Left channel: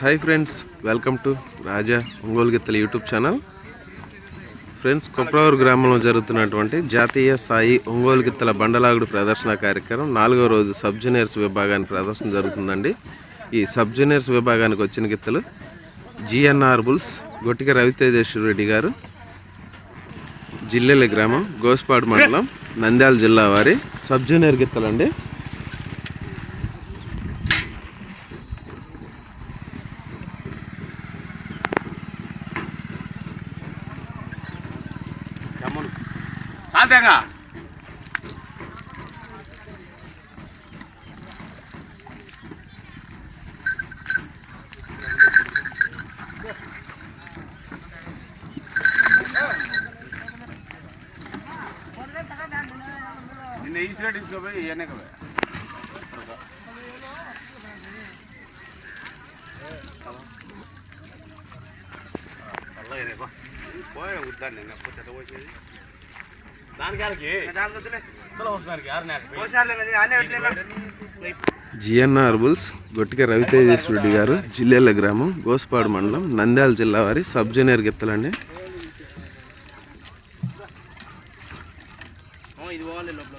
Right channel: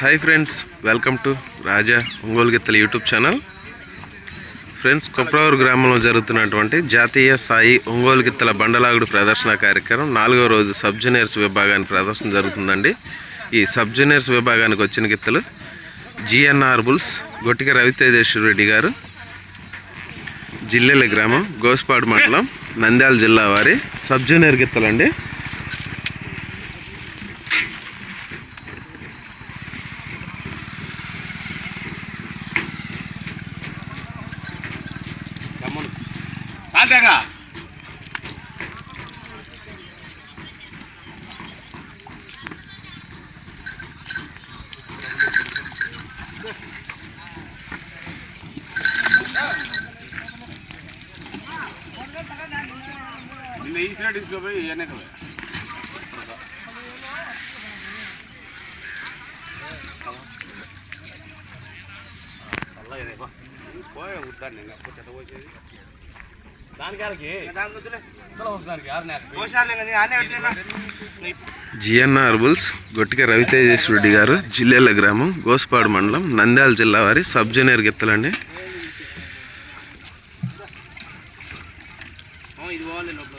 Hi friends welcome to Raja Ongole గిత్తల YouTube channel. Friends Kopravuru గ్రామంలో జరుగుతున్నటువంటి జాతీయ స్థాయి ఒంగోలు గిత్తల బండలాగుడు ప్రదర్శన కార్యక్రమం నాలుగో రోజు సబ్ జూనియర్స్ విభాగాన్ని ప్రదర్శన జరుగుతుందండి. ఈ సబ్ జూనియర్స్ విభాగానికి వచ్చిన గిత్తలు జిఎన్ఆర్ బుల్స్ గొట్టిక రవితేజేశ్వర రెడ్డి గారు జిల్లెల గ్రామం గోస్పాడు మండలం నంద్యాల జిల్లా వారి సబ్ జూనియర్ గిత్తలండి. సాల్తేగా నిన్న ఈసినట్టు తీసుకోపోయి ఇవన్నీ కదా దానికి జిఎన్ఆర్ బుల్స్ గొట్టిక రవితేజేశ్ రెడ్డి గారు జిల్లేల గ్రామం గోస్పాడు మండలం నంద్యాల జిల్లా వారి సబ్ జూనియర్ గిత్తలండి. ఇది